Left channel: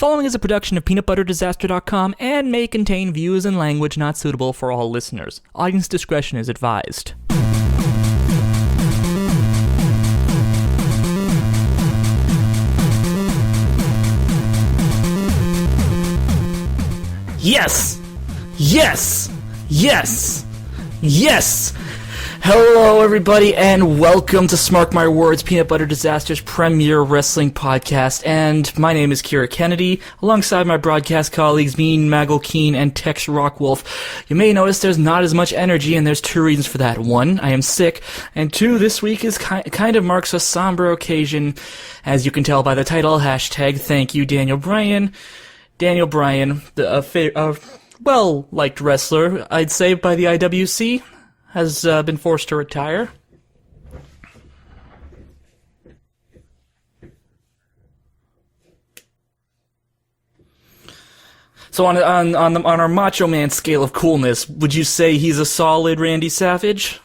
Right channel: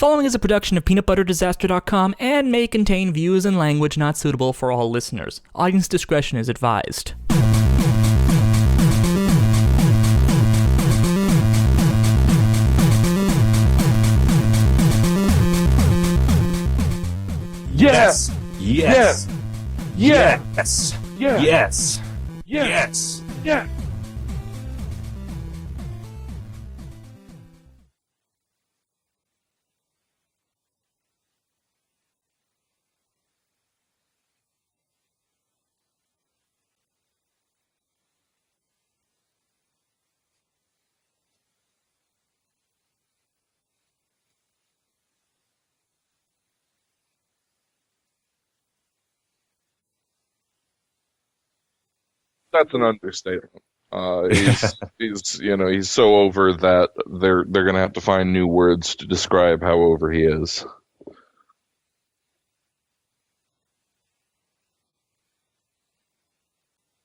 following is a production of peanutbutterdisaster.com and may contain views and language not suitable for all listeners. Audience discretion is advised. Yes! Yes! Yes! Yes! Yes! Yes! Hello, everybody, and welcome to Smark My Words, Peanut Butter Disaster's premier wrestling podcast. And my name is Kira Kennedy, alongside my broadcast colleagues Mean, Maggle Keen, and Tex Rockwolf. You may notice there's not as much energy, and there's two reasons for that. One, I am sick, and two, this week is kind of marks a somber occasion, as you can tell by the title, hashtag thank you, Daniel Bryan. Daniel Bryan, a well-liked wrestler, I'd say, by the IWC, has been forced to retire. He's so over that they're gonna have to find new words to describe how over he is. So on our Macho Man scale of coolness, would you say he's a solid Randy Savage?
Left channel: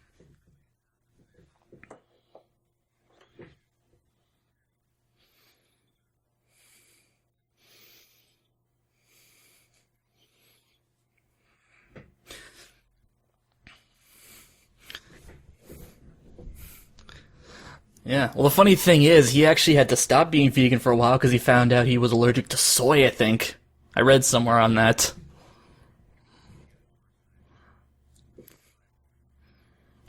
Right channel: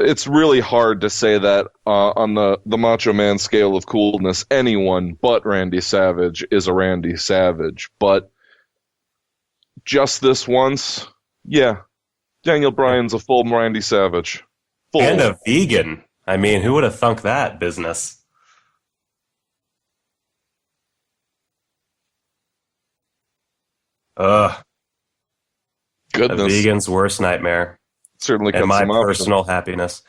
It's really hard to say that on the Macho Man scale of coolness. Anyone but Randy Savage is a Randy Savage, but just this once, yeah, Daniel Bryan's a full Randy Savage. Full. And a vegan. I mean, who would have thunk that business? Yeah, well, the funny thing is, he actually had to stop being vegan for a while because he found out he was allergic to soy, I think. I read somewhere on that. Goodness. A vegan's worst nightmare. Certainly and my personal happiness.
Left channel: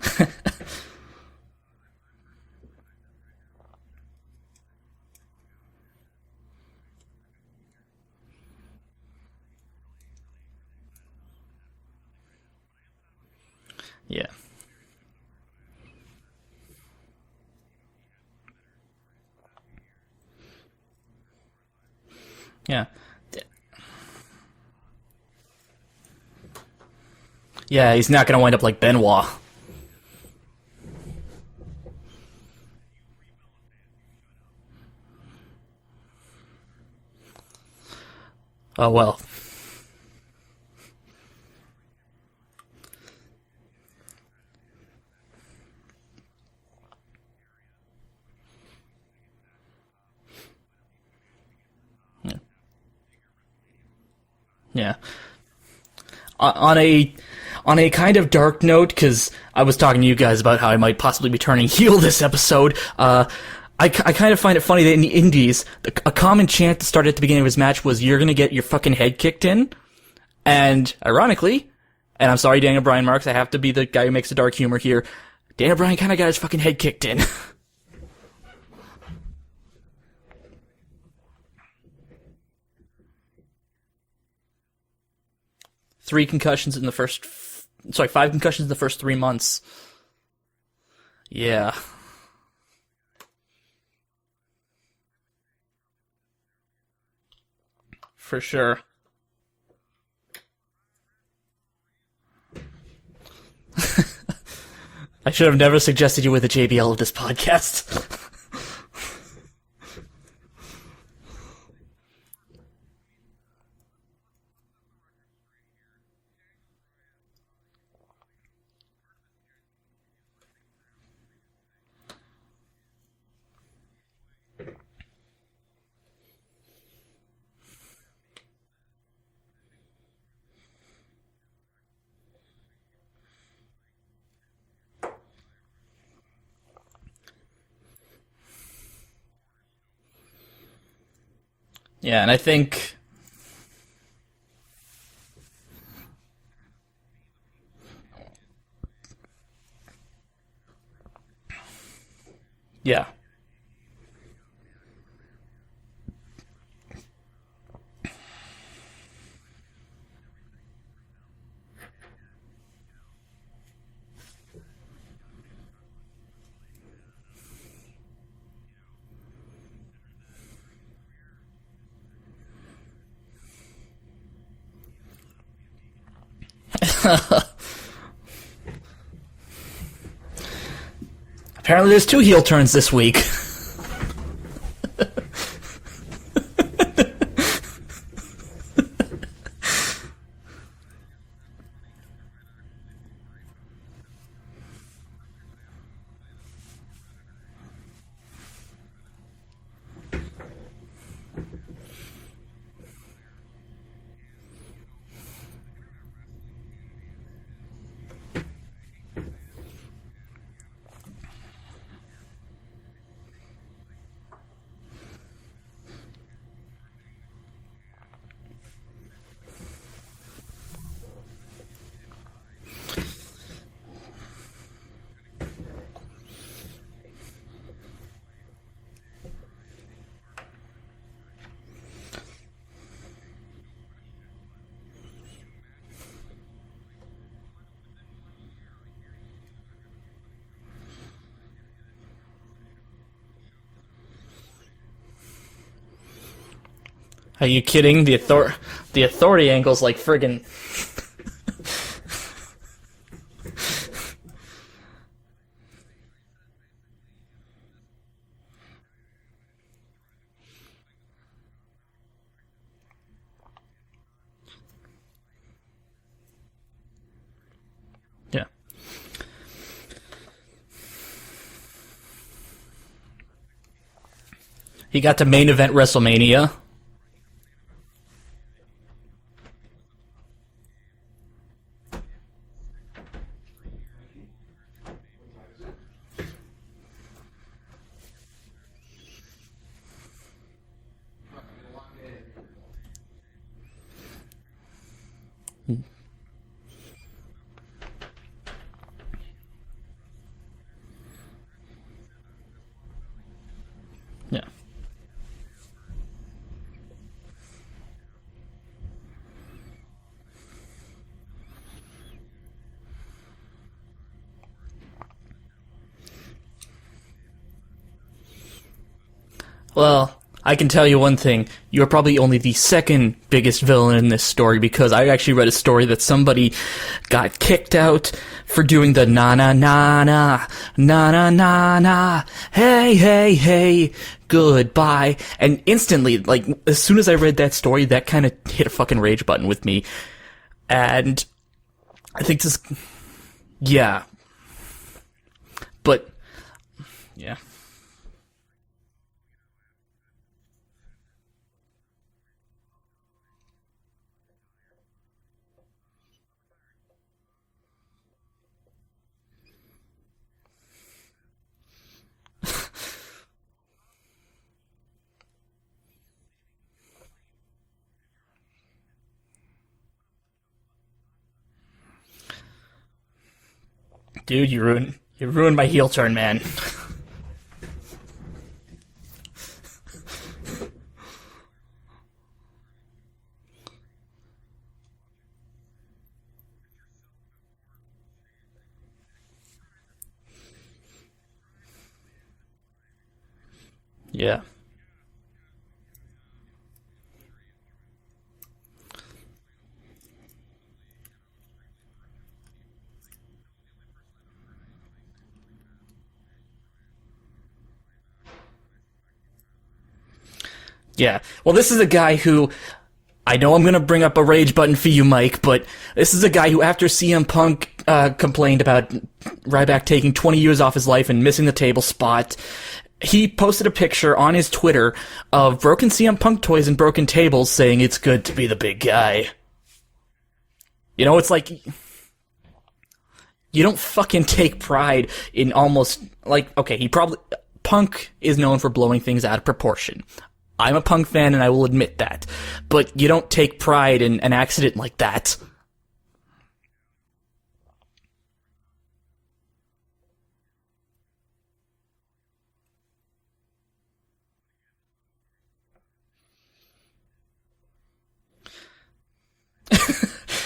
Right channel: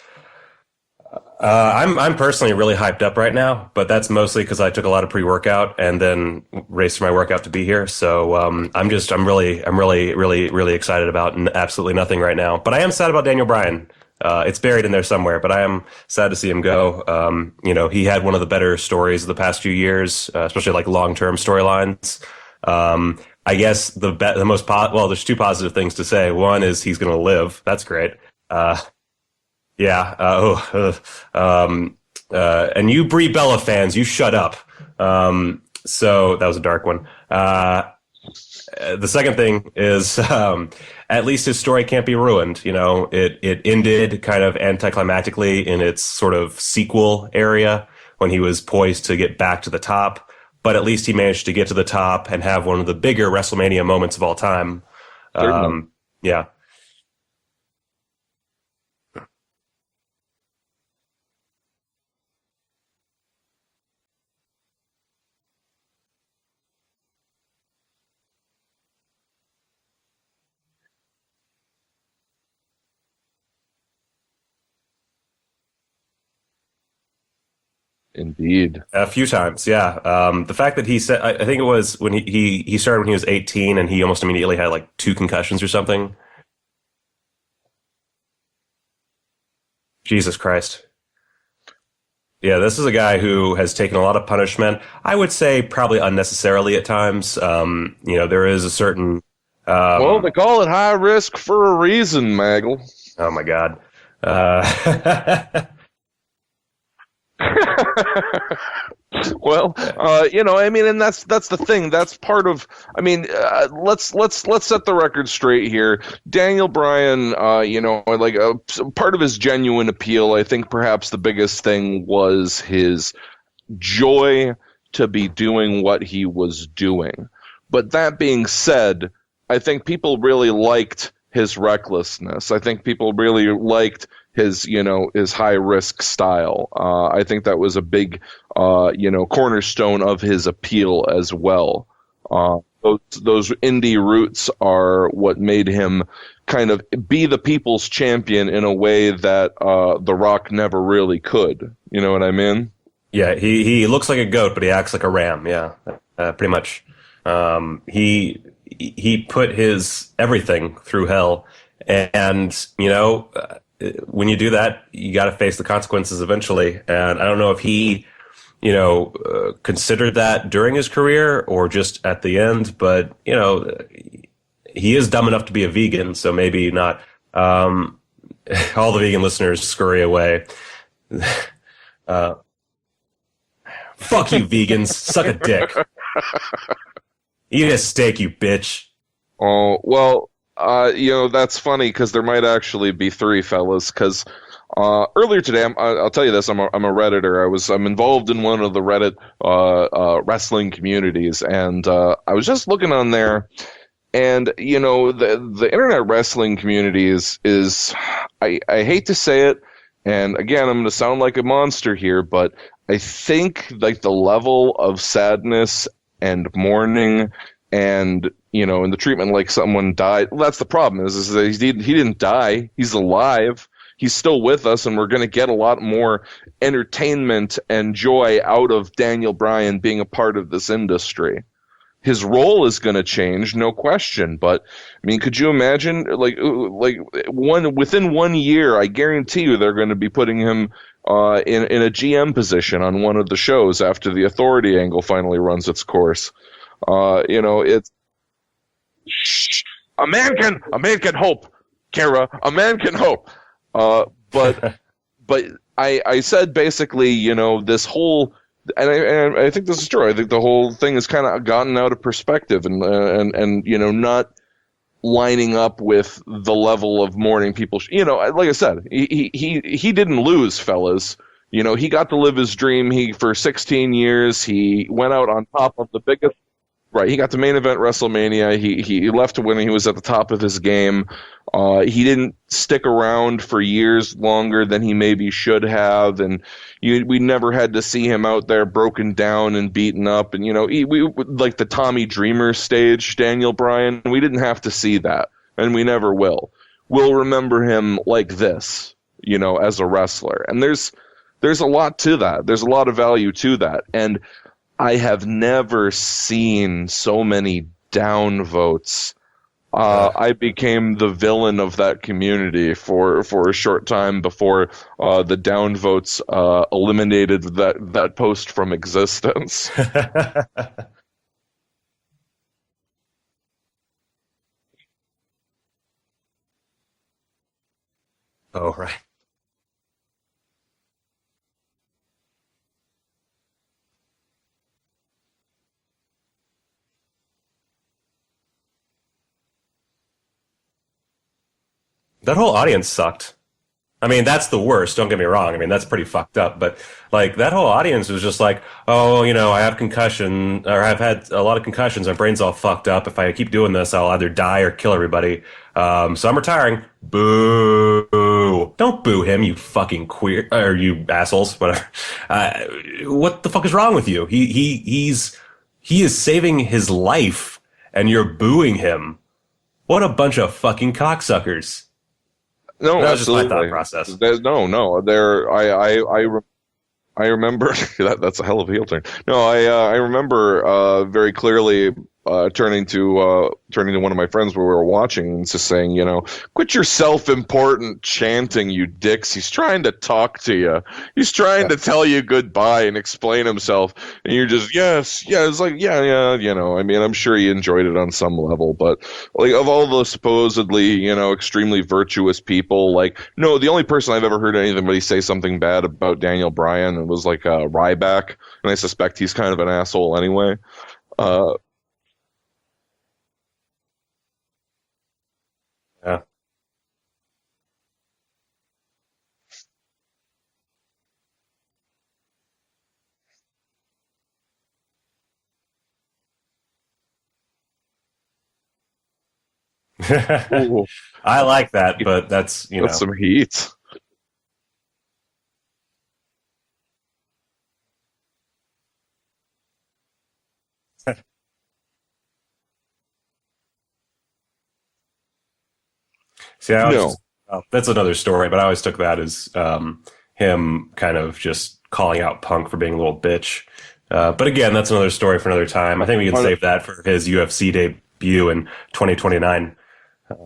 I'm personally really hyped up right now, but that's mostly because I took a lot of pre-workout and then raced my workout to be here. So I'm really excited about absolutely nothing right now. But I am sad about Daniel Bryan. Yeah. It's buried in there somewhere, but I am sad to see him go. He had one of the better stories of the past few years, especially like long-term storylines. Yeah. I guess the most there's two positive things to say. One is he's going to live. That's great. He's not going to wind up like Benoit. Yeah. And you Brie Bella fans, you shut up. So that was a dark one. The second thing is at least his story can't be ruined. It ended kind of anticlimactically in its sort of sequel area when he was poised to get back to the top. But at least he managed to get to the top and have one of the bigger WrestleMania moments of all time. Yeah. Yeah. On a kind of dark note, because I was talking to you guys about how I might possibly be turning heel this episode, I kind of find it funny that in the Indies, a common chant that started at the beginning of his match was, "You're going to get your fucking head kicked in." And ironically, and I'm sorry, Daniel Bryan Marks, I have to be the guy who makes the dark humor here, Daniel Bryan kind of got his fucking head kicked in. Indeed. A few times, yeah. The fact that he said, I think it was when he started when he was 18 and he almost immediately had like 2 concussions or something. 5 concussions in the first 3 months. Jesus Christ. Yeah. Yeah, this is a guy who has taken a lot of punishment. I would say probably unnecessarily at times. There is a certain... well, they call it high risk for a reason, Maggle. Oh my God! I should have never suggested you with a JBL of this podcast. Well, and that's the thing. That's part of. Let's set the record straight here. Daniel Bryan, part of his genuine appeal. I think perhaps the biggest thing was his joy to be doing what he was doing. But that being said, I think people really liked his recklessness. I think people really liked his high risk style. I think that was a big, cornerstone of his appeal as well. Yeah, and I think those indie roots are what made him kind of be the people's champion in a way that The Rock never really could. You know what I mean? Yeah. Yeah. He looks like a goat, but he acts like a ram. Yeah, pretty much. He put his everything through hell, and when you do that, you got to face the consequences eventually. And I don't know if he, considered that during his career or just at the end, but he is dumb enough to be a vegan, so maybe not. All the vegan listeners scurry away. Apparently, there's 2 heel turns this week. Fuck you, vegans! Suck a dick. Eat a steak, you bitch. Oh, well, that's funny because there might actually be 3 fellas because Earlier today, I'll tell you this: I'm a Redditor. I'm involved in one of the Reddit wrestling communities, and I was just looking on there, and the internet wrestling community is I hate to say it, and again, I'm going to sound like a monster here, but I think like the level of sadness and mourning and in the treatment like someone died. Well, that's the problem is that he didn't die. He's alive. He's still with us, and we're going to get a lot more entertainment and joy out of Daniel Bryan being a part of this industry. His role is going to change, no question. But I mean, could you imagine, within 1 year, I guarantee you they're going to be putting him in a GM position on one of the shows after the Authority angle finally runs its course. Are you kidding? The Authority angle's like a man can hope, Kara. A man can hope. But I said basically, this whole, and I think this is true. I think the whole thing has kind of gotten out of perspective and not lining up with the level of mourning people. Like I said, he didn't lose, fellas. He got to live his dream. For 16 years, he got to main event WrestleMania. Right, he got to main event WrestleMania. He left when he was at the top of his game. He didn't stick around for years longer than he maybe should have, and we never had to see him out there broken down and beaten up. And we like the Tommy Dreamer stage, Daniel Bryan. We didn't have to see that, and we never will. We'll remember him like this, as a wrestler. And there's a lot to that. There's a lot of value to that, and. Yeah. I have never seen so many downvotes. I became the villain of that community for a short time before the downvotes eliminated that post from existence. Well, I can tell you one thing. You're probably only the second biggest villain in this story, because I actually read a story that somebody got kicked out for doing the na-na-na-na, hey, goodbye. And instantly, like, as soon as I read that story, that kind of hit a fucking rage button with me. And I think that whole audience sucked. Yeah. I mean, that's the worst, don't get me wrong. I mean, that's pretty fucked up. But, that whole audience was just like, oh, I have concussion, or I've had a lot of concussions, my brain's all fucked up. If I keep doing this, I'll either die or kill everybody. So I'm retiring. Boo. Don't boo him, you fucking queer, or you assholes, whatever. What the fuck is wrong with you? He is saving his life, and you're booing him. What a bunch of fucking cocksuckers. No, that absolutely. was just my thought process. I remember that's a hell of a heel turn. No, I remember very clearly turning to one of my friends where we were watching and just saying, quit your self-important chanting, you dicks. He's trying to talk to you. He's trying to tell you goodbye and explain himself. Yeah. And you're just, yes. It's like, yeah. I mean, I'm sure he enjoyed it on some level, but like of all the supposedly, extremely virtuous people, like, no, the only person I've ever heard anybody say something bad about Daniel Bryan was like Ryback, and I suspect he's kind of an asshole anyway. Yeah. Well, this is a guy who, I know I'm going to bring up a rage button for you, Mike, but this is a guy who, after CM Punk complained about Ryback taking 20 years off his life and missing the table spot, he posted a picture on his Twitter of broken CM Punk toys and broken tables saying it's good to be the big guy. It's like, I like that, but that's, that's some heat. You don't fucking take pride in almost, like, okay, Punk is known for blowing things out of proportion. I'm a Punk fan, and I will admit that. But you don't take pride in an accident like that. See, that's another story, but I always took that as him kind of just calling out Punk for being a little bitch. But again, that's another story for another time. I think we can save that for his UFC debut in 2029.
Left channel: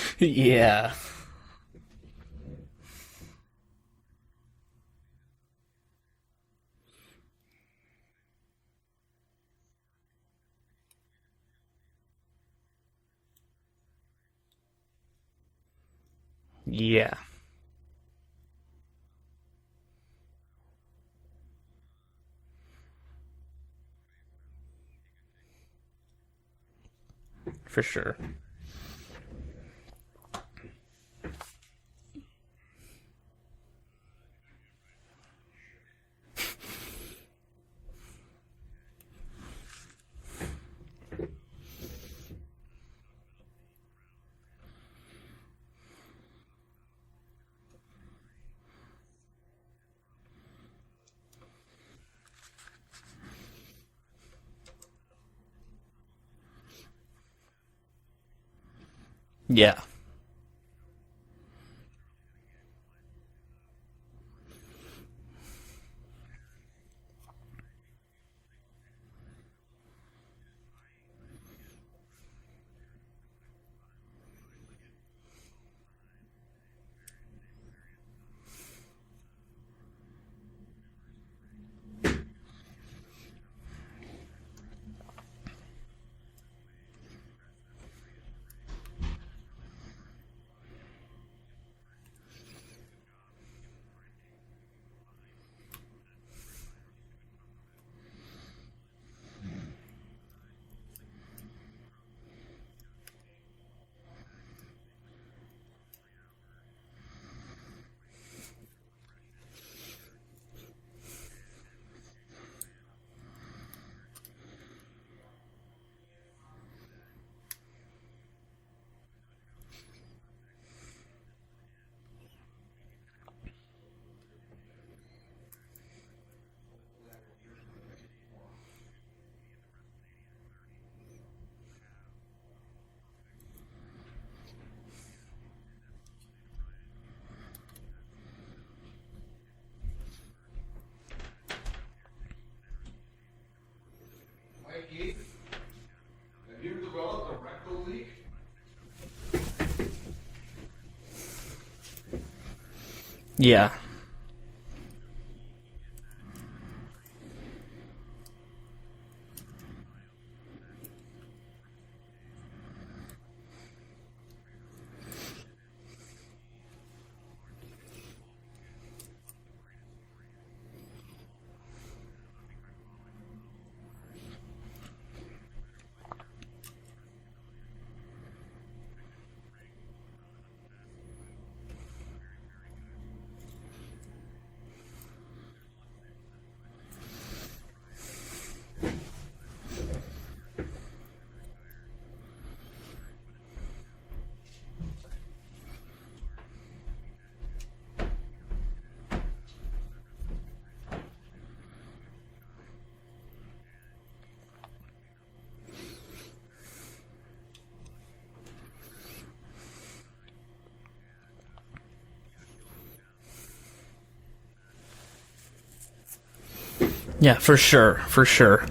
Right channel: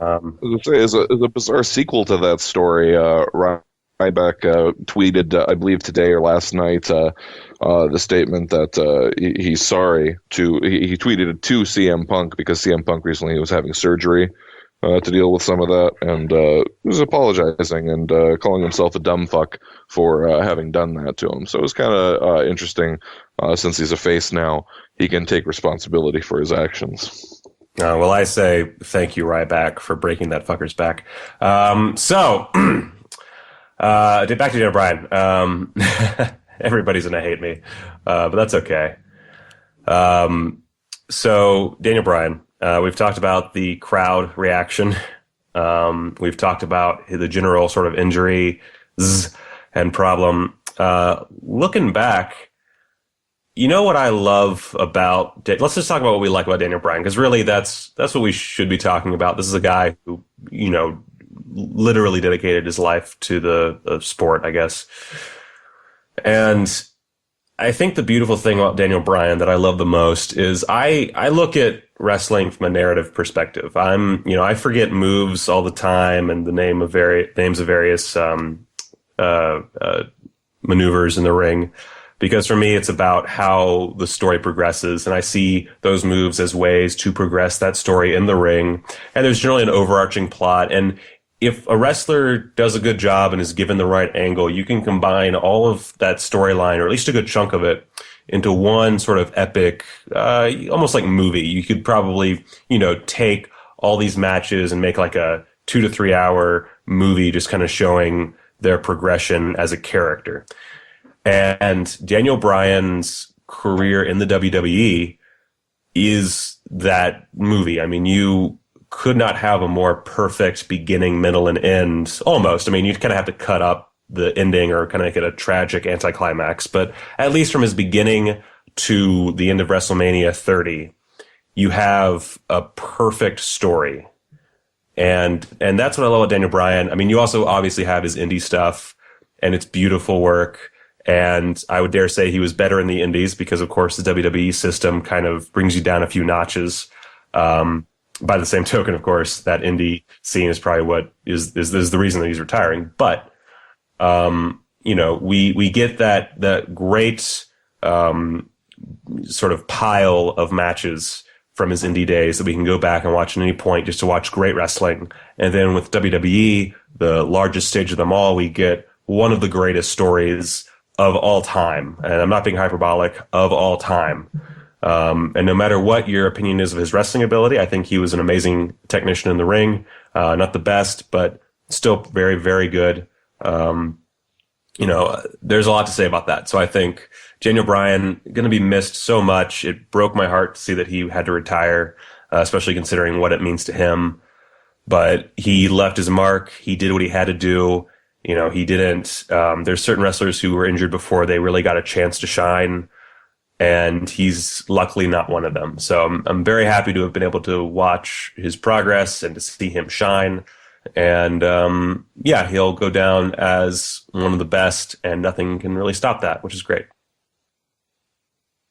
It's a bizarre sequel to that story. Ryback tweeted, I believe today or last night, the statement that he's sorry he tweeted it to CM Punk because CM Punk recently was having surgery to deal with some of that, and he was apologizing and calling himself a dumb fuck for having done that to him. So it was kind of interesting. Since he's a face now, he can take responsibility for his actions. Well, I say thank you, Ryback, for breaking that fucker's back. Back to Daniel Bryan. Everybody's gonna hate me, but that's okay. So Daniel Bryan, we've talked about the crowd reaction. We've talked about the general sort of injury and problem. Looking back, you know what I love about... Let's just talk about what we like about Daniel Bryan, because really that's what we should be talking about. This is a guy who, literally dedicated his life to the sport, I guess. And I think the beautiful thing about Daniel Bryan that I love the most is I look at wrestling from a narrative perspective. I forget moves all the time and the names of various maneuvers in the ring, because for me it's about how the story progresses, and I see those moves as ways to progress that story in the ring. And there's generally an overarching plot, and if a wrestler does a good job and is given the right angle, you can combine all of that storyline, or at least a good chunk of it, into one sort of epic, almost like movie. You could probably, take all these matches and make like a 2 to 3 hour movie just kind of showing their progression as a character. And Daniel Bryan's career in the WWE is that movie. I mean, you could not have a more perfect beginning, middle, and end, almost. I mean, you'd kind of have to cut up the ending or kind of make it a tragic anticlimax. But at least from his beginning to the end of WrestleMania 30, you have a perfect story. And that's what I love about Daniel Bryan. I mean, you also obviously have his indie stuff, and it's beautiful work. And I would dare say he was better in the indies because, of course, the WWE system kind of brings you down a few notches. By the same token, of course, that indie scene is probably what is the reason that he's retiring. But yeah, we get that great sort of pile of matches from his indie days that we can go back and watch at any point just to watch great wrestling. And then with WWE, the largest stage of them all, we get one of the greatest stories of all time. And I'm not being hyperbolic, of all time. And no matter what your opinion is of his wrestling ability, I think he was an amazing technician in the ring. Not the best, but still very, very good. There's a lot to say about that. So I think Daniel Bryan going to be missed so much. It broke my heart to see that he had to retire, especially considering what it means to him. But he left his mark. He did what he had to do. He didn't. There's certain wrestlers who were injured before they really got a chance to shine, and he's luckily not one of them. So I'm very happy to have been able to watch his progress and to see him shine. And he'll go down as one of the best, and nothing can really stop that, which is great. Yeah, for sure.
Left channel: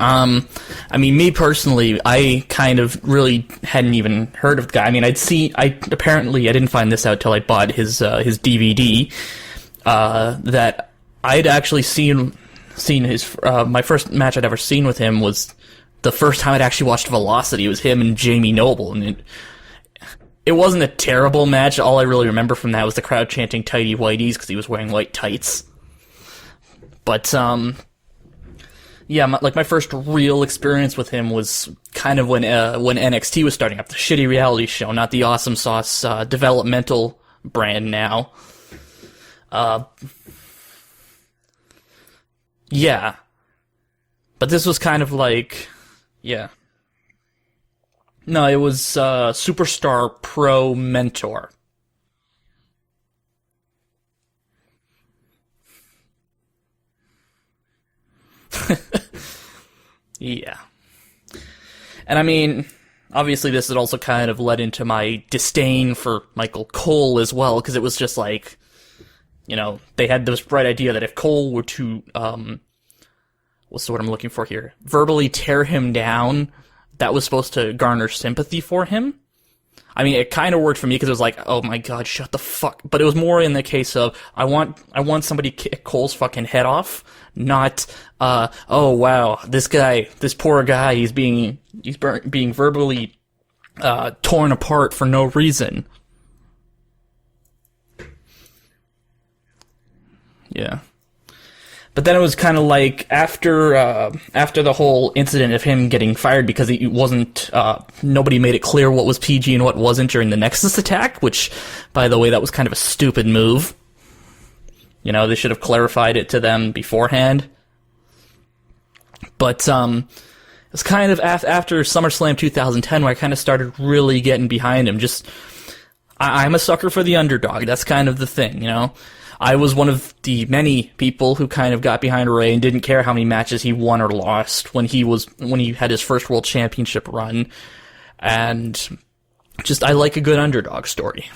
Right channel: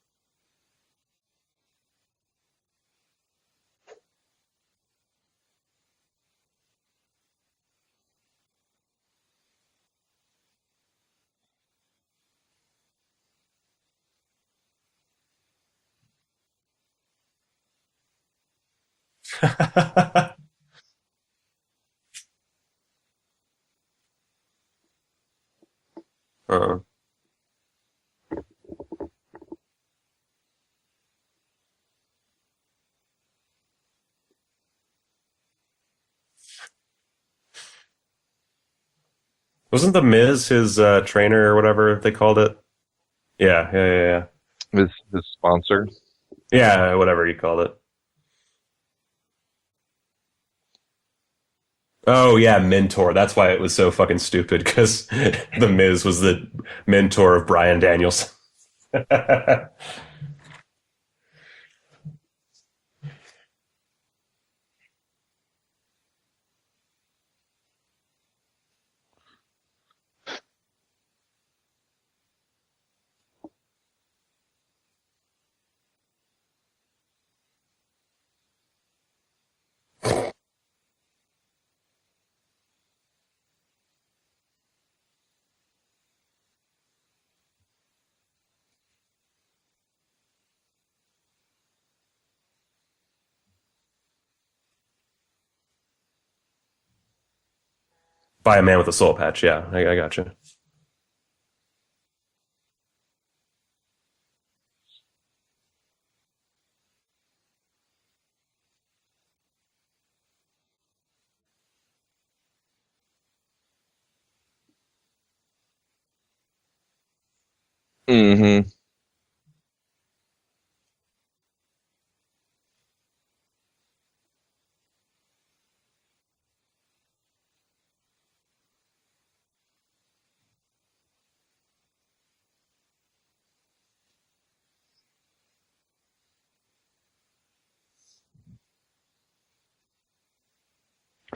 I mean, me personally, I kind of really hadn't even heard of the guy. I mean, I didn't find this out till I bought his DVD. That I'd actually seen his my first match I'd ever seen with him was the first time I'd actually watched Velocity. It was him and Jamie Noble, and it wasn't a terrible match. All I really remember from that was the crowd chanting "tighty whities" because he was wearing white tights. But my first real experience with him was kind of when NXT was starting up, the shitty reality show, not the Awesome Sauce developmental brand now. Wasn't The Miz his trainer or whatever they called it? Yeah. Yeah. But this was kind of like... sponsor? Yeah. Yeah, whatever you called it. No, it was Superstar Pro Mentor. Oh, yeah, Mentor. That's why it was so fucking stupid, because The Miz was the mentor of Bryan Danielson. Yeah. And I mean, obviously this had also kind of led into my disdain for Michael Cole as well, because it was just like, they had this bright idea that if Cole were to, what's the word I'm looking for here? Verbally tear him down, that was supposed to garner sympathy for him. I mean, it kind of worked for me because it was like, oh my god, shut the fuck. But it was more in the case of, I want somebody to kick Cole's fucking head off, not, oh wow, this poor guy, he's being verbally torn apart for no reason. By a man with a soul patch, yeah, I gotcha. Yeah. But then it was kind of like after the whole incident of him getting fired because it wasn't nobody made it clear what was PG and what wasn't during the Nexus attack, which, by the way, that was kind of a stupid move. You know, they should have clarified it to them beforehand. Mm-hmm. But it's kind of after SummerSlam 2010 where I kind of started really getting behind him. Just, I'm a sucker for the underdog. That's kind of the thing, you know? I was one of the many people who kind of got behind Ray and didn't care how many matches he won or lost when he had his first World Championship run. And just, I like a good underdog story.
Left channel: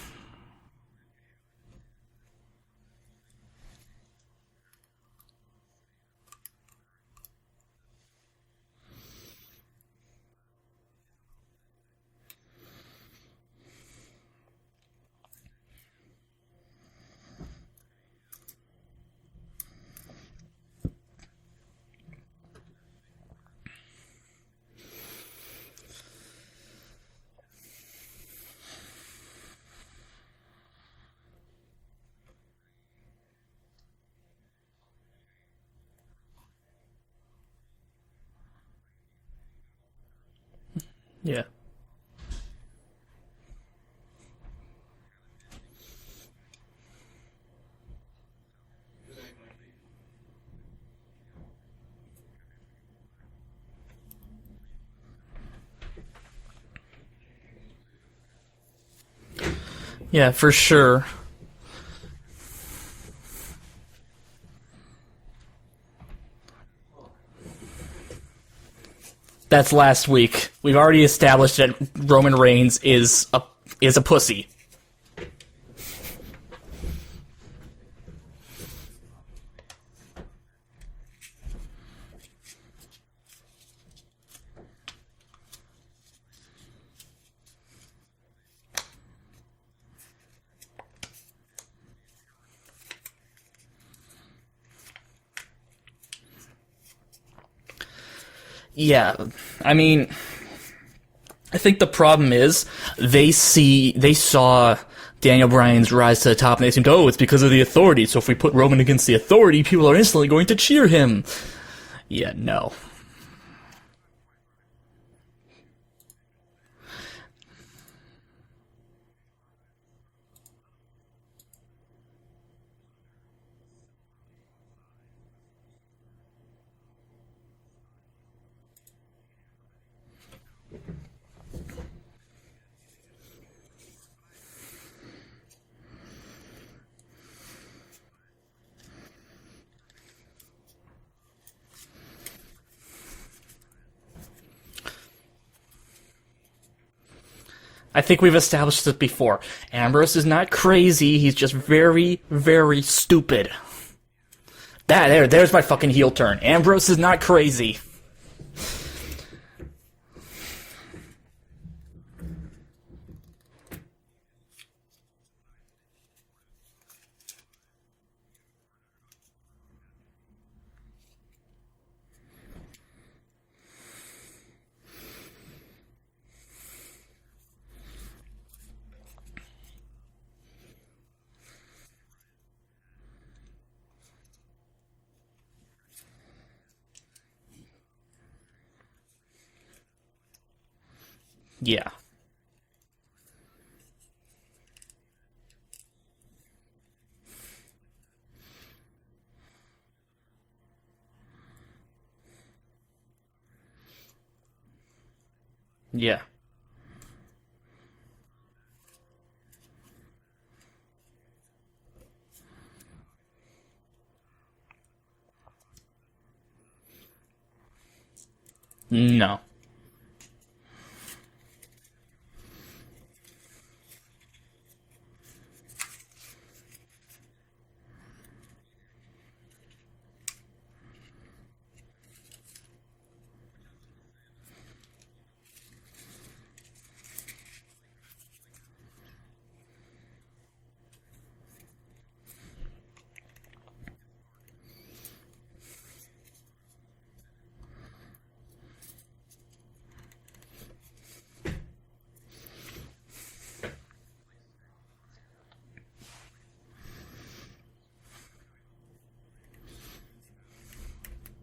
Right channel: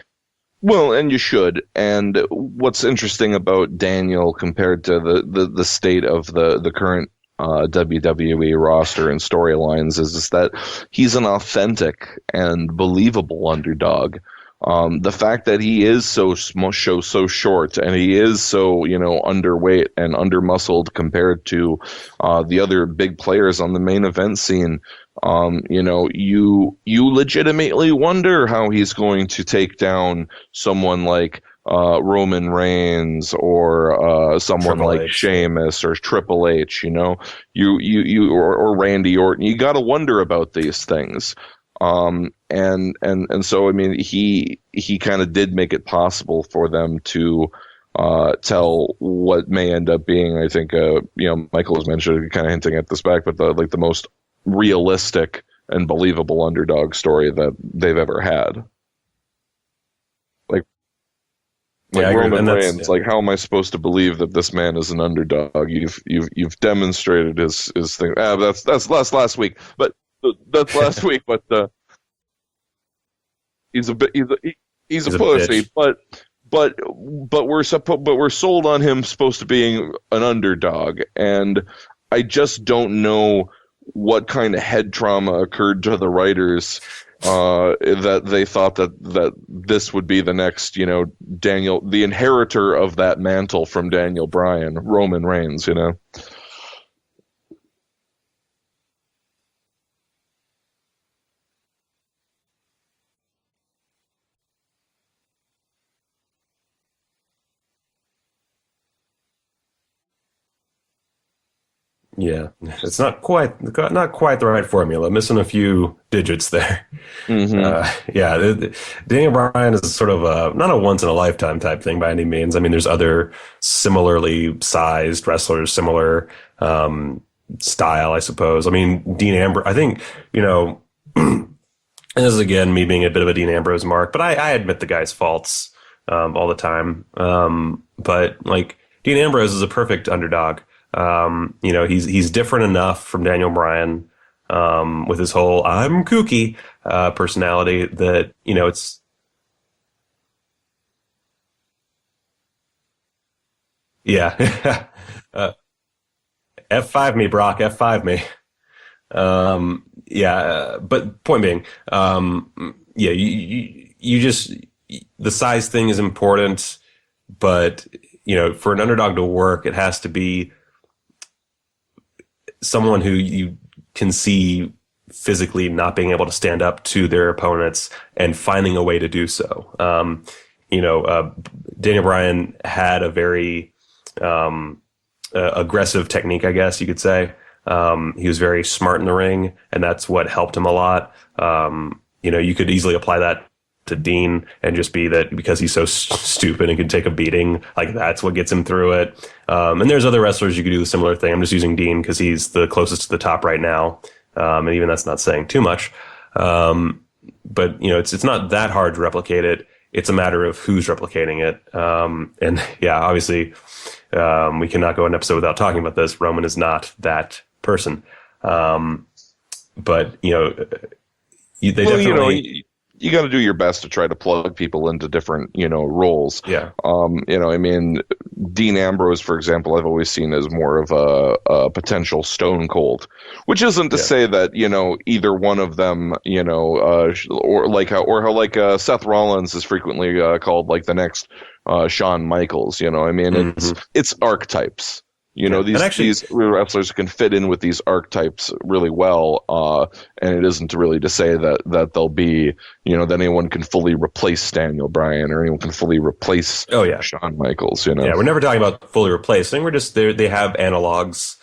Well, and you should. And what's interesting about Daniel compared to the state of the current WWE roster and storylines is that he's an authentic and believable underdog. The fact that he is so short and he is so, you know, underweight and undermuscled compared to the other big players on the main event scene, you know, you legitimately wonder how he's going to take down someone like Roman Reigns or someone Triple like H. Sheamus or Triple H, you know, or Randy Orton. You got to wonder about these things. Yeah. And so, I mean, he kind of did make it possible for them to tell what may end up being, I think, you know, Michael has mentioned, kind of hinting at this back, but the most realistic and believable underdog story that they've ever had. Yeah, for sure. Like, Yeah, I agree. Roman And Reigns, like, how am I supposed to believe that this man is an underdog? You've demonstrated his thing. That's last week. That's last week. That's We've last already week, established but, that Roman Reigns is a pussy. He's a He's a pussy, bitch. but we're sold on him supposed to being an underdog, and I just don't know what kind of head trauma occurred to the writers that they thought that this would be the next, you know, Daniel, the inheritor of that mantle from Daniel Bryan, Roman Reigns, you know. Yeah, I mean, I think the problem is they saw Daniel Bryan's rise to the top and they assumed, oh, it's because of the Authority. So if we put Roman against the Authority, people are instantly going to cheer him. Yeah, no. It's not quite the right formula. Missing a few digits there. Mm-hmm. Daniel Bryan is sort of not a once in a lifetime type thing by any means. I mean, there's other similarly sized wrestlers, similar style, I suppose. I mean, Dean Ambrose. I think, you know, and this is again me being a bit of a Dean Ambrose mark, but I admit the guy's faults all the time. But like Dean Ambrose is a perfect underdog. You know, he's different enough from Daniel Bryan with his whole "I'm kooky" personality. I think we've established this before. Ambrose is not crazy. He's just very, very stupid. Yeah. There's my fucking heel turn. Ambrose is not me, crazy. Brock, F5 me. But point being, you just, the size thing is important, but, you know, for an underdog to work, it has to be someone who you can see physically not being able to stand up to their opponents and finding a way to do so. Daniel Bryan had a very aggressive technique, I guess you could say. He was very smart in the ring, and that's what helped him a lot. You know, you could easily apply that to Dean and just be that because he's so stupid and can take a beating, like that's what gets him through it. And there's other wrestlers you could do the similar thing. I'm just using Dean because he's the closest to the top right now. And even that's not saying too much. Yeah. But, you know, it's not that hard to replicate it. It's a matter of who's replicating it. And yeah, obviously, we cannot go an episode without talking about this. Roman is not that person. No. But, you know, they definitely... You got to do your best to try to plug people into different, you know, roles. Yeah. You know, I mean, Dean Ambrose, for example, I've always seen as more of a potential Stone Cold, which isn't to say that, you know, either one of them, you know, or how Seth Rollins is frequently called like the next Shawn Michaels. You know, I mean, it's archetypes. You know, these wrestlers can fit in with these archetypes really well, and it isn't really to say that they'll be, you know, that anyone can fully replace Daniel Bryan or anyone can fully replace Shawn Michaels, you know. Yeah, we're never talking about fully replacing. We're just they have analogs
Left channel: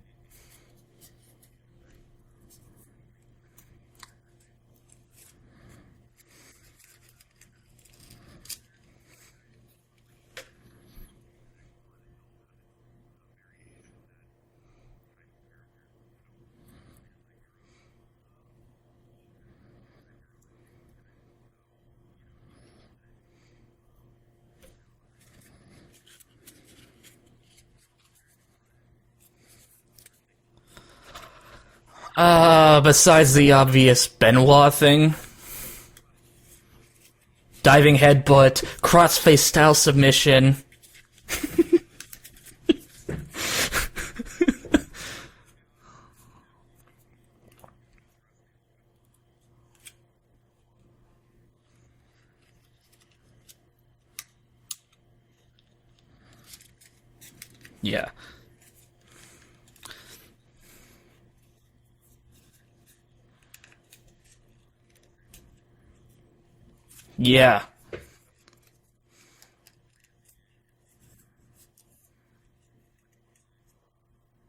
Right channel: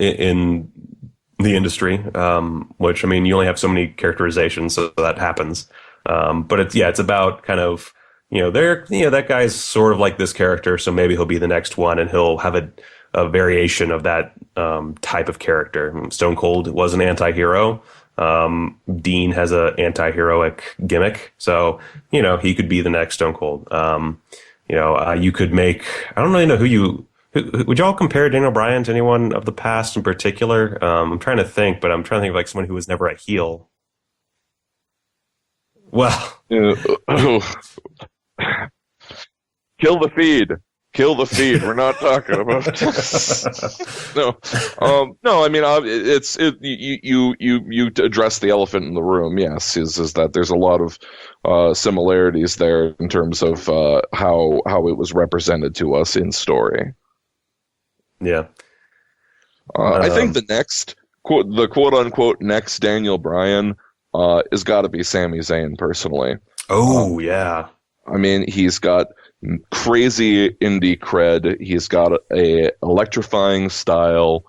in the industry, which, I mean, you only have so many characterizations, so that happens. But it's about kind of, that guy's sort of like this character, so maybe he'll be the next one, and he'll have a variation of that type of character. Stone Cold was an anti-hero. Dean has a anti-heroic gimmick, so he could be the next Stone Cold. You could make, I don't really know would y'all compare Daniel Bryan to anyone of the past in particular? I'm trying to think, but I'm trying to think like someone who's besides never a the heel. obvious Benoit thing. Well, Diving headbutt, crossface style submission. Kill the feed. We're not talking about it. No. I mean, you address the elephant in the room. Yes, is that there's a lot of similarities there in terms of how it was represented to us in story. Yeah. I think the quote unquote next Daniel Bryan has got to be Sami Zayn personally. Oh yeah. I mean, he's got crazy indie cred. He's got a electrifying style.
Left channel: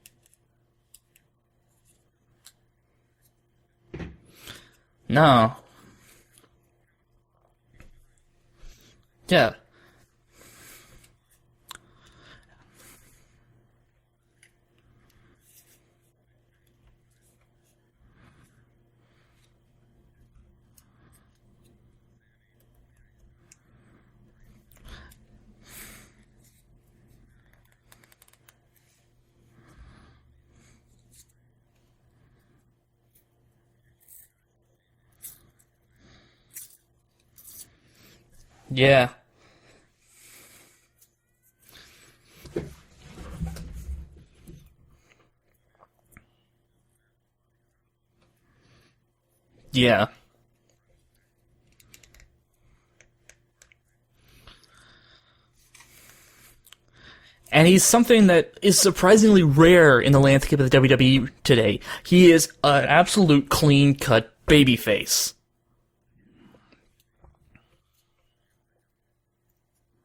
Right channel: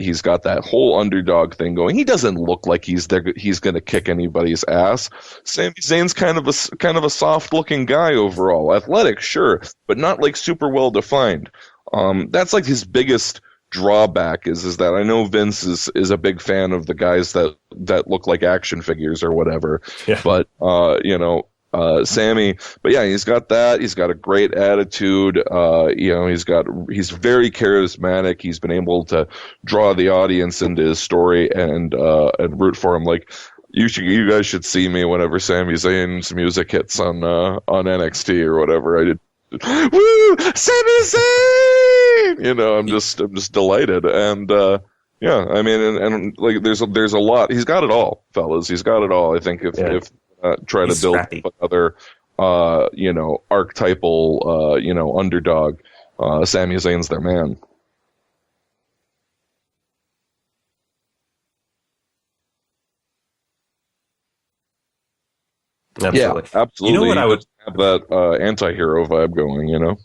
He's got that whole underdog thing going. He doesn't look like he's going to kick anybody's ass. No. Sami Zayn's kind of a soft looking guy overall. Athletic, sure, but not like super well defined. That's like his biggest drawback is that I know Vince is a big fan of the guys that look like action figures or whatever. Yeah. But Sammy, but yeah, he's got that. He's got a great attitude. He's very charismatic. He's been able to draw the audience into his story and root for him. Like you guys should see me whenever Sami Zayn's music hits on NXT or whatever. Yeah. Woo, Sami Zayn! I'm just delighted. And I mean, and like there's a lot. He's got it all, fellas. He's got it all. I think if try to build another, archetypal, underdog. Sami Zayn's their man. And he's something that is surprisingly rare in the landscape of the WWE today. He is an absolute clean-cut babyface. Absolutely. Yeah, absolutely. You know what I would have that anti-hero vibe going,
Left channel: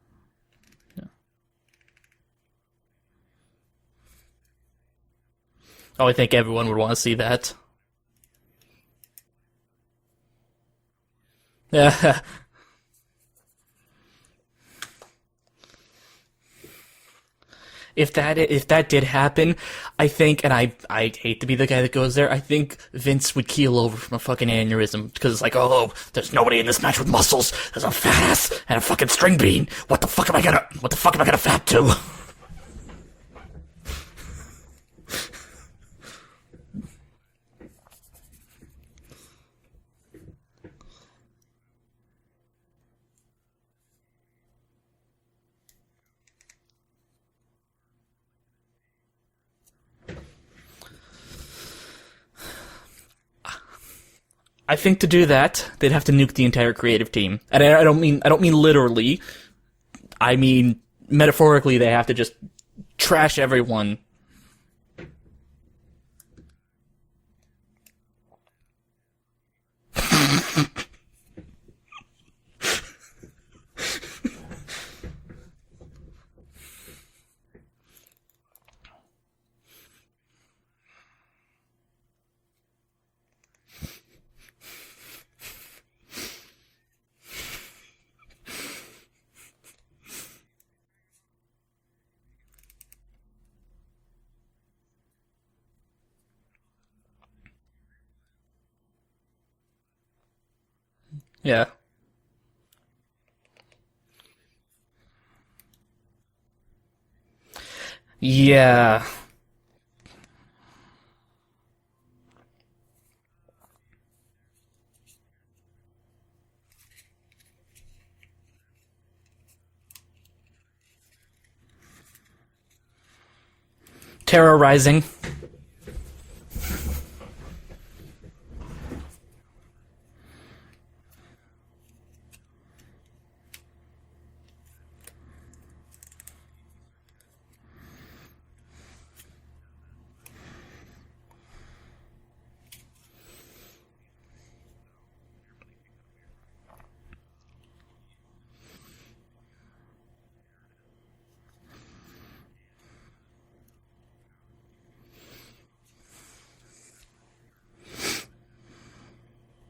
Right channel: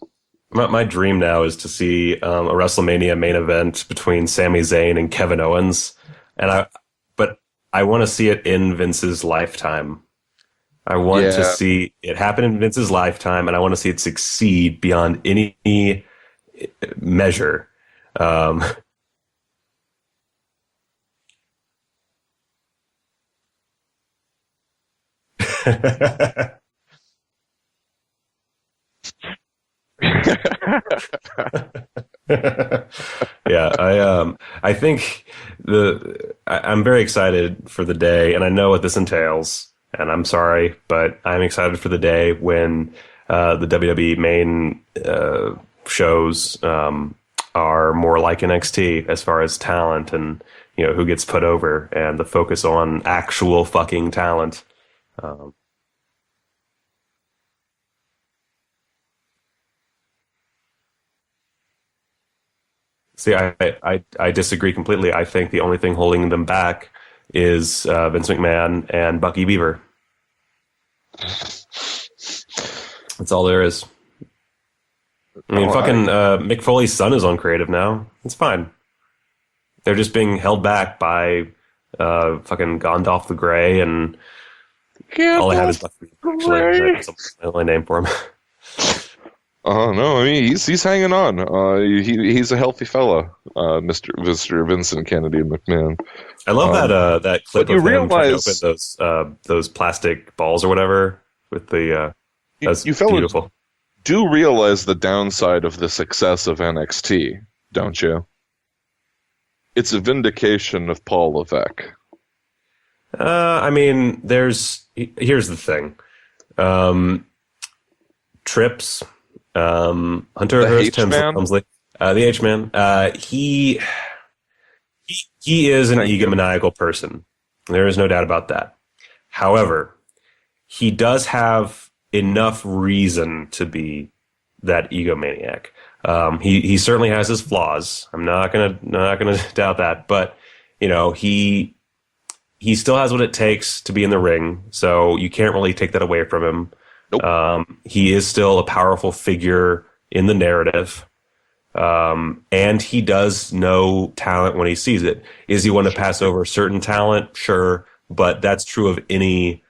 My dream now is to see a WrestleMania main event between Sami Zayn and Kevin Owens. Oh, I think everyone would want to see that. I want to see it in Vince's lifetime. I want to see it happen in Vince's lifetime, and I want to see it succeed beyond any measure. If that did happen, I think, and I hate to be the guy that goes there, I think Vince would keel over from a fucking aneurysm because it's like, there's nobody in this match with muscles. There's a fat ass and a fucking string bean. What the fuck am I gonna fat to? Yeah, I think I'm very excited for the day, and I know what this entails. And I'm sorry, but I'm excited for the day when the WWE main shows are more like NXT as far as talent and who gets put over and the focus on actual fucking talent. I think to do that, they'd have to nuke the entire creative team, and I don't mean literally. I mean metaphorically. They have to just trash everyone. I disagree completely. I think the only thing holding them back is Vince McMahon and Bucky Beaver. That's all there is. I mean, Mick Foley's son is on creative now. It's fine. They're just being held back by fucking Gandalf the Grey, and all I have is Bucky. That's the only name for him. No, I mean he's hanging on. He's a healthy fella, Mr. Vincent Kennedy McMahon. I love that clip of him trying to open those plastic balls or whatever. Yeah, that's you beautiful. Do realize the downside of the success of NXT, don't you? Yeah, it's a vindication of Paul Levesque. I mean, here's the thing. Trips. Hunter Hearst Helmsley, the H-Man. He terrorizing. He is an egomaniacal person. There is no doubt about that. However, he does have enough reason to be that egomaniac. He certainly has his flaws. I'm not gonna doubt that. But he still has what it takes to be in the ring. So you can't really take that away from him. Nope. He is still a powerful figure in the narrative. And he does know talent when he sees it. Is he one to pass over certain talent? Sure. But that's true of any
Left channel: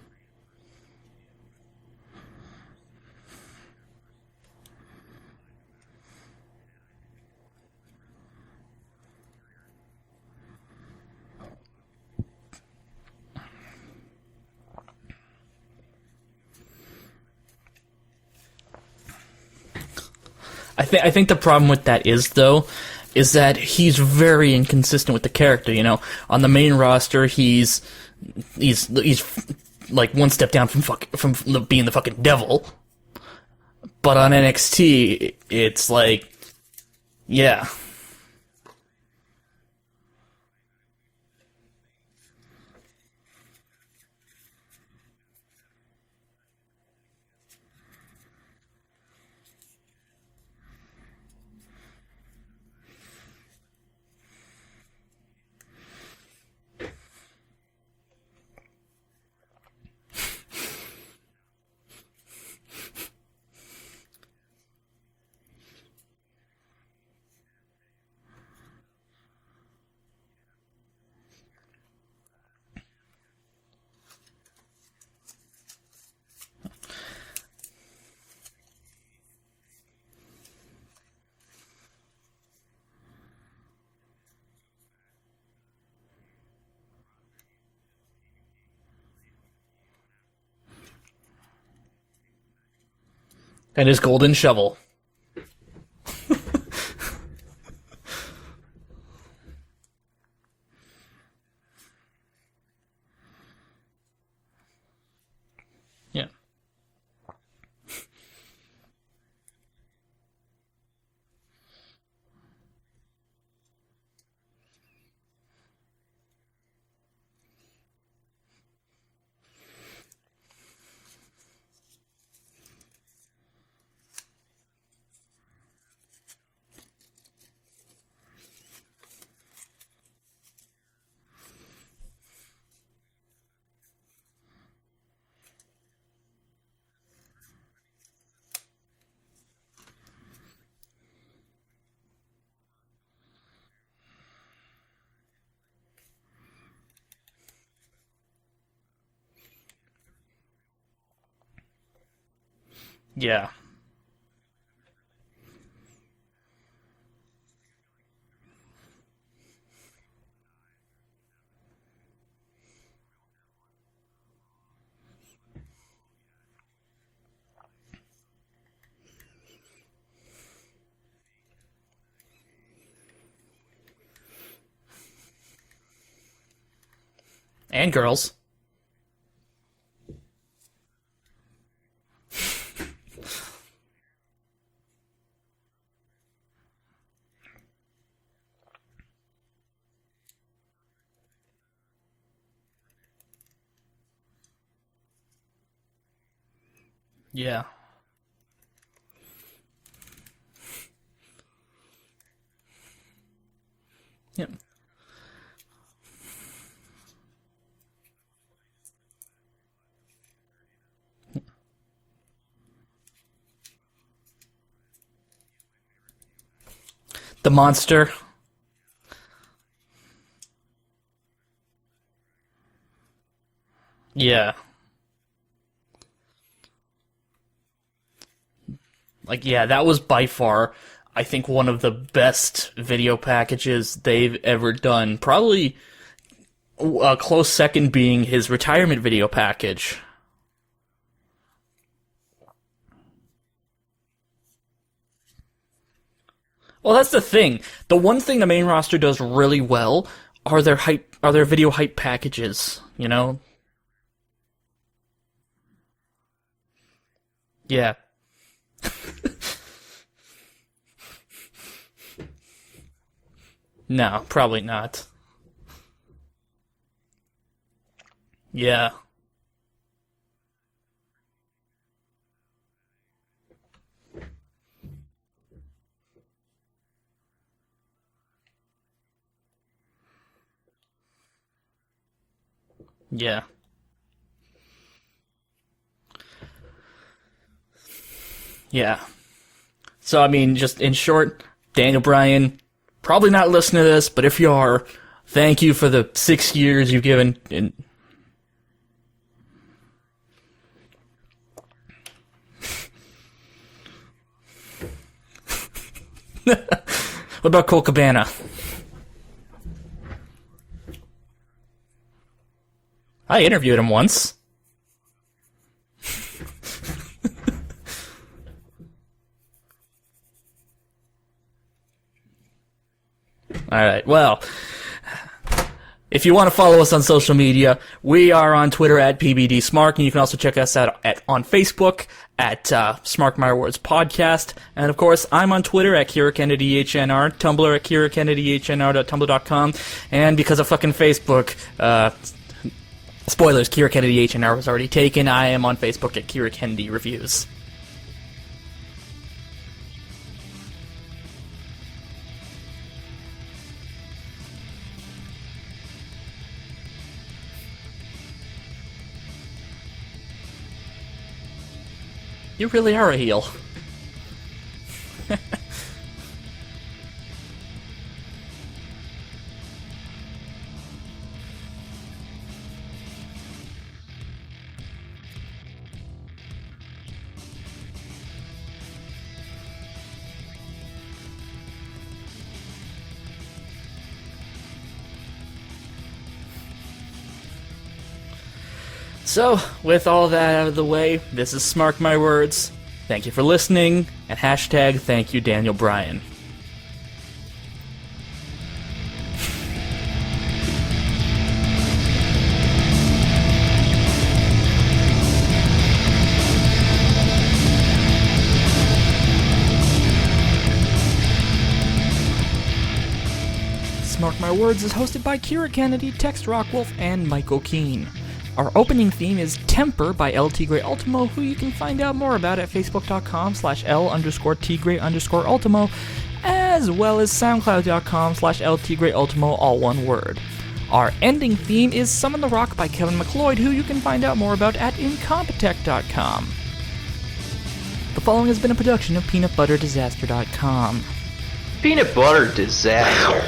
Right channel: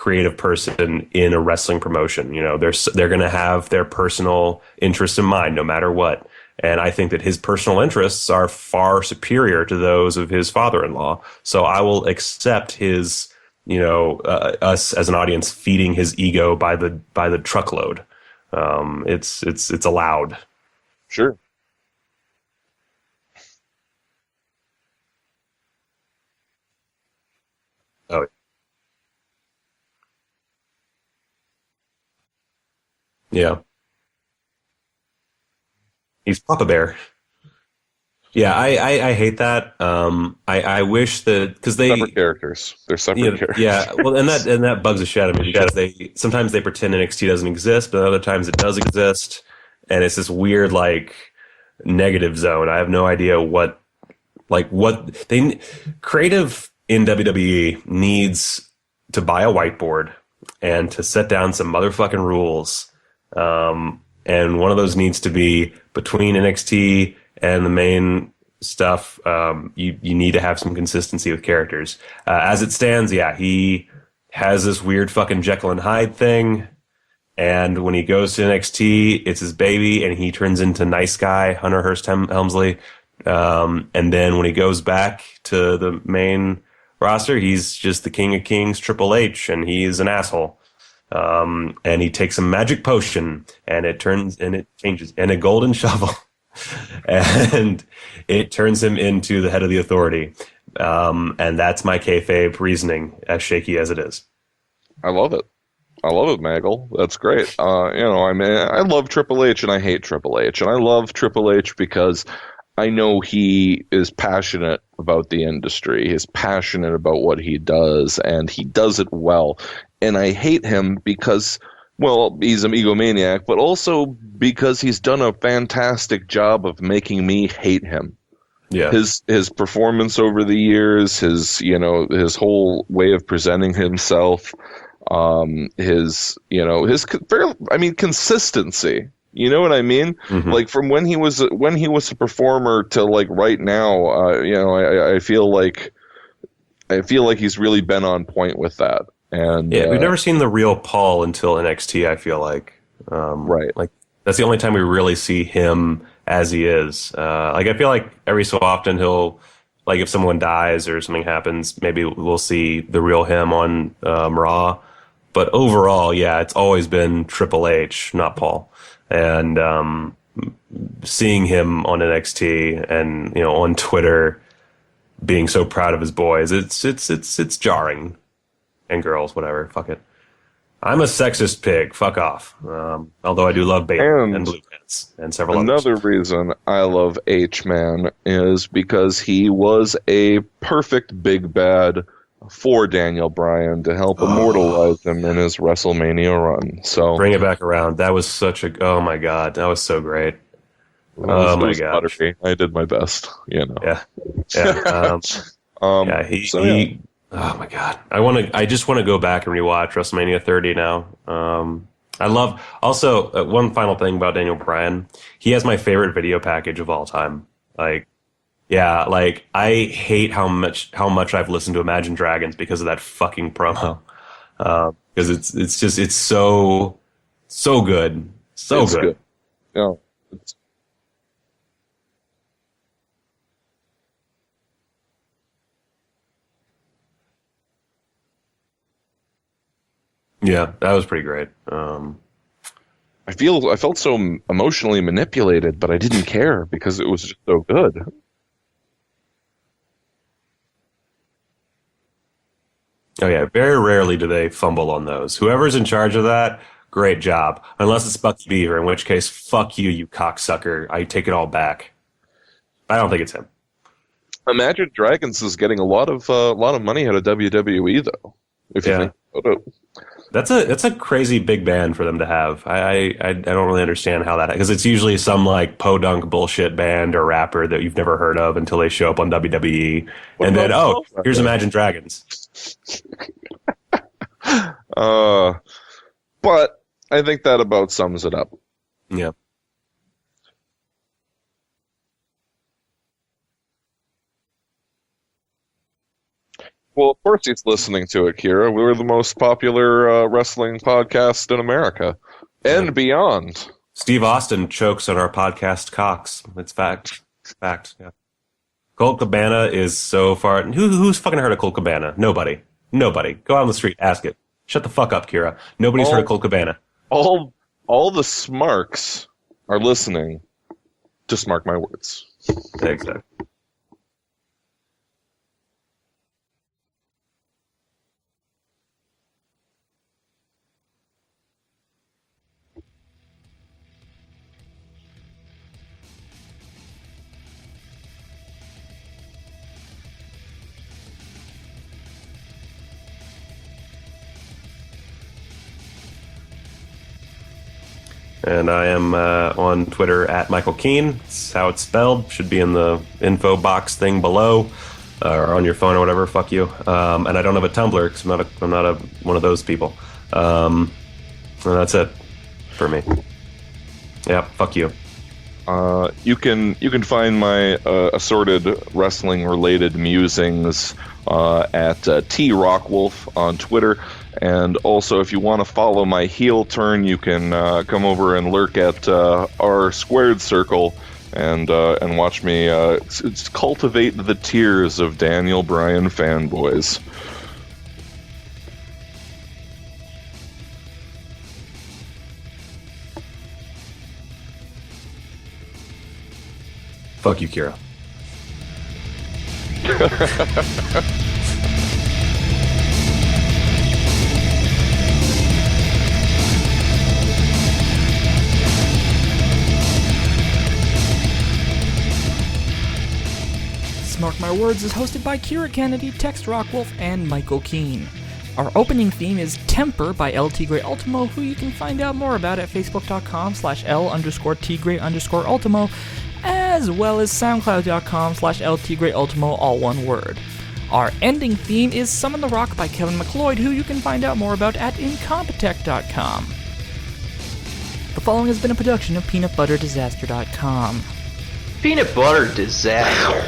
creative person in a wrestling promotion. You know, they're going to have their personal interests in mind no matter what. And I think that his personal interests are far superior to those of his father-in-law. So I will accept his, us as an audience feeding his ego by the truckload. It's allowed. I think the problem with that is that he's very inconsistent with the character. You know, on the main roster, he's like one step down from being the fucking devil. Yeah. But on NXT, it's like he's Papa Bear. Yeah. Yeah, I hate that. I wish that because separate characters. They're separate characters. Yeah, well, and that bugs the shit out of me because sometimes they pretend NXT doesn't exist, but other times it does exist, and it's this weird like negative zone. I have no idea what creative in WWE needs to buy a whiteboard and to set down some motherfucking rules. And one of those needs to be between NXT and the main stuff. You need to have some consistency with characters. As it stands, yeah, he has this weird fucking Jekyll and Hyde thing. And when he goes to NXT, it's his baby, and he turns into nice guy Hunter Hearst Helmsley. And then when he goes back to the main roster, he's just the King of Kings, Triple H, and he's an asshole. And he takes a magic potion and his golden shovel and a golden shovel, and it turns him into the head of the Authority. And that's my kayfabe reasoning, as shaky as it is. I love it. Maggle. That's great. I love Triple H and I hate Triple H, and I love Triple H because I know he is passionate about the industry. He's passionate about what he does, and he does it well. And I hate him because, well, he's an egomaniac, but also because he's done a fantastic job of making me hate him. Yeah. His performance over the years, his whole way of presenting himself, consistency. You know what I mean? Mm-hmm. Like from when he was a performer to like right now, I feel like he's really been on point with that. And yeah, we've never seen the real Paul until NXT. I feel like, right. Like that's the only time we really see him as he is. Like I feel like every so often he'll, like if someone dies or something happens, maybe we'll see the real him on Raw. But overall, yeah, it's always been Triple H, not Paul. And seeing him on NXT and on Twitter, being so proud of his boys, it's jarring. And girls, whatever. Fuck it. I'm a sexist pig. Fuck off. Although I do love Bayley and Blue Pants and several others. Another reason I love H-Man is because he was a perfect big bad for Daniel Bryan to help immortalize him in his WrestleMania run. So bring it back around. That was oh my god, that was so great. Oh my god, I did my best. Yeah. He. Oh my god, I just want to go back and rewatch WrestleMania 30 now. I love also one final thing about Daniel Bryan. He has my favorite video package of all time. The Monster. I hate how much I've listened to Imagine Dragons because of that fucking promo. Yeah. Because it's so good. So good. Like, yeah, that was by far, I think, one of the best video packages they've ever done. Probably a close second being his retirement video package. Yeah, that was pretty great. I felt so emotionally manipulated, but I didn't care because that's it was the thing. So good. The one thing the main roster does really well are their video hype packages. Oh yeah, very rarely do they fumble on those. Whoever's in charge of that, great job. Yeah. Unless it's Bucky Beaver, in which case, fuck you cocksucker. I take it all back. I don't think it's him. No, probably not. Imagine Dragons is getting a lot of money out of WWE though. Yeah. That's a crazy big band for them to have. I don't really understand how that, because it's usually some like podunk bullshit band or rapper that you've never heard of until they show up on WWE, and then here's Imagine Dragons. Yeah. But I think that about sums it up. Yeah. Yeah. So I mean, just in short, Daniel Bryan, probably not listening to this, but if you are, Thank you for the 6 years you've Well, given. of course he's listening to it, Kira. We're the most popular wrestling podcast in America and beyond. Steve Austin chokes on our podcast cocks. It's fact. What about Colt Cabana? Colt Cabana is so far. Who's fucking heard of Colt Cabana? Nobody. I Go out on the interviewed him street, once. ask it. Shut the fuck up, Kira. Nobody's heard of Colt Cabana. All the Smarks are listening to Smark My Words. Exactly. All right. Well, if you want to follow us on social media, we are on Twitter at PBDSmark, and you can also check us out on Facebook at Smark My Words Podcast. And of course, I'm on Twitter at KiraKennedyHNR, Tumblr at KiraKennedyHNR.tumblr.com, and because of fucking Facebook, spoilers, Kira Kennedy HNR was already taken. I am on Facebook at Kira Kennedy Reviews. And I am on Twitter at Michael Keane. It's how it's spelled. Should be in the info box thing below. Or on your phone or whatever, fuck you. And I don't have a Tumblr because I'm not one of those people. And that's it. You really are a heel. Yeah, fuck you. You can find my assorted wrestling related musings at T Rockwolf on Twitter, and also if you want to follow my heel turn, you can come over and lurk at our squared circle. And watch me cultivate the tears of Daniel Bryan fanboys. So, with all that out of the way, this is Smark My Words. Thank you for listening, and hashtag thank you Daniel Bryan. Fuck you, Kira. Smark My Words is hosted by Kira Kennedy, Tex Rockwolf, and Michael Keane. Our opening theme is Temper by L Tigre Ultimo, who you can find out more about at facebook.com/L_Tigre_Ultimo, as well as soundcloud.com/L Tigre Ultimo, all one word. Our ending theme is Summon the Rock by Kevin McLeod, who you can find out more about at Incompetech.com. The following has been a production of PeanutButterDisaster.com. Peanut butter disaster.